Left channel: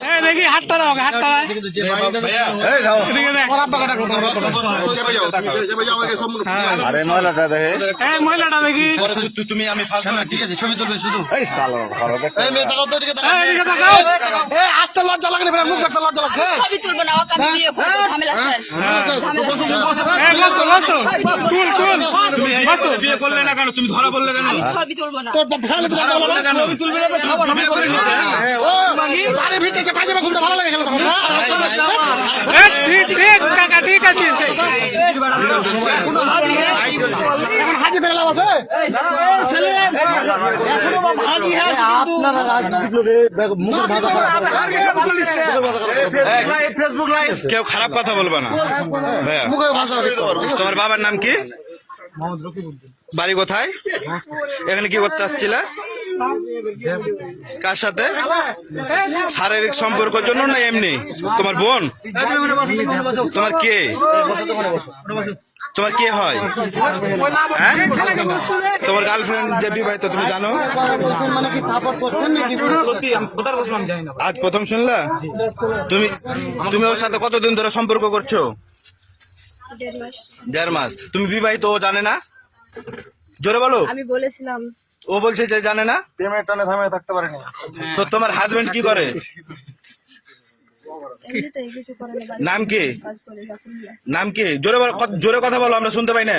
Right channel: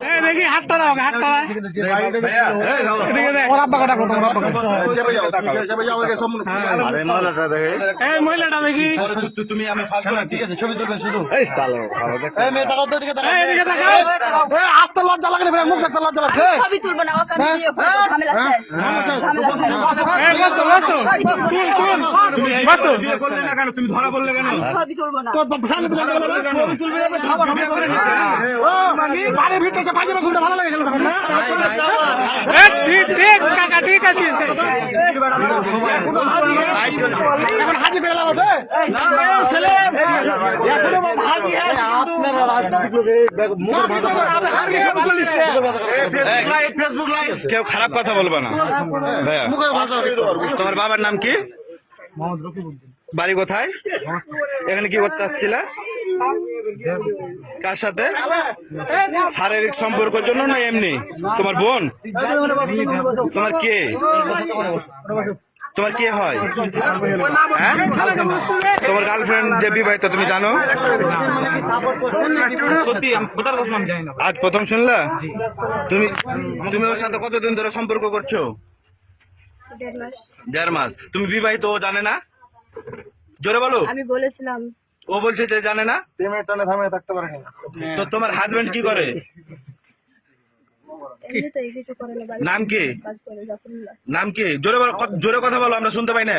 Hey, দেখি হাতটা দাও হাতটা এই মহিলাটা দেখি। তুমি আমি ঠিক আছে ছবি শুধু আসতে লজ্জা লাগে মুখ লজ্জা লাগছে। তুলবো না ওকে আমি বিয়ে করব ঝামেলা শেষ ঝামেলা শেষ। এই বসো বসো। কুল কুল বসো বিয়ে করলে না কেন? তুমি ধরা বললে কেন? ছবি তুলবো না। ছবি তুলবে না খাবার ভিতরে পাইবে কেউ খারাপ কথা বলবে না। তোমার বাবার নাম কি? বাড়ি কোথায়? এখানে কি করতে আসছিলে? কার সাথে? শারীরিক সম্পর্কের জন্য না এমনি? তোমার বোন? তোমার কে? তোমার কে হয়? হ্যাঁ? তোমার গার্লফ্রেন্ড যে বিবাহিত তুমি জানো? আজ প্রথম শুনলা? তুমি তুমি ওর সাথে কতদিন ধরে সম্পর্ক করছ? দেড় মাস। তুমি বিবাহিত ও জানে না? জোরে বলো। আমি বলেছিলাম ও বলছে যে জানে না? প্রেমের টানে থামিয়ে থাকতে পারে না তো তোমার হাজবেন্ড কি করে? এমনিতে কিছু করে না বাড়ি নাম কি? নাম কি? জোরে বলো জোরে কথা বলো আমরা শুনতে পাই না।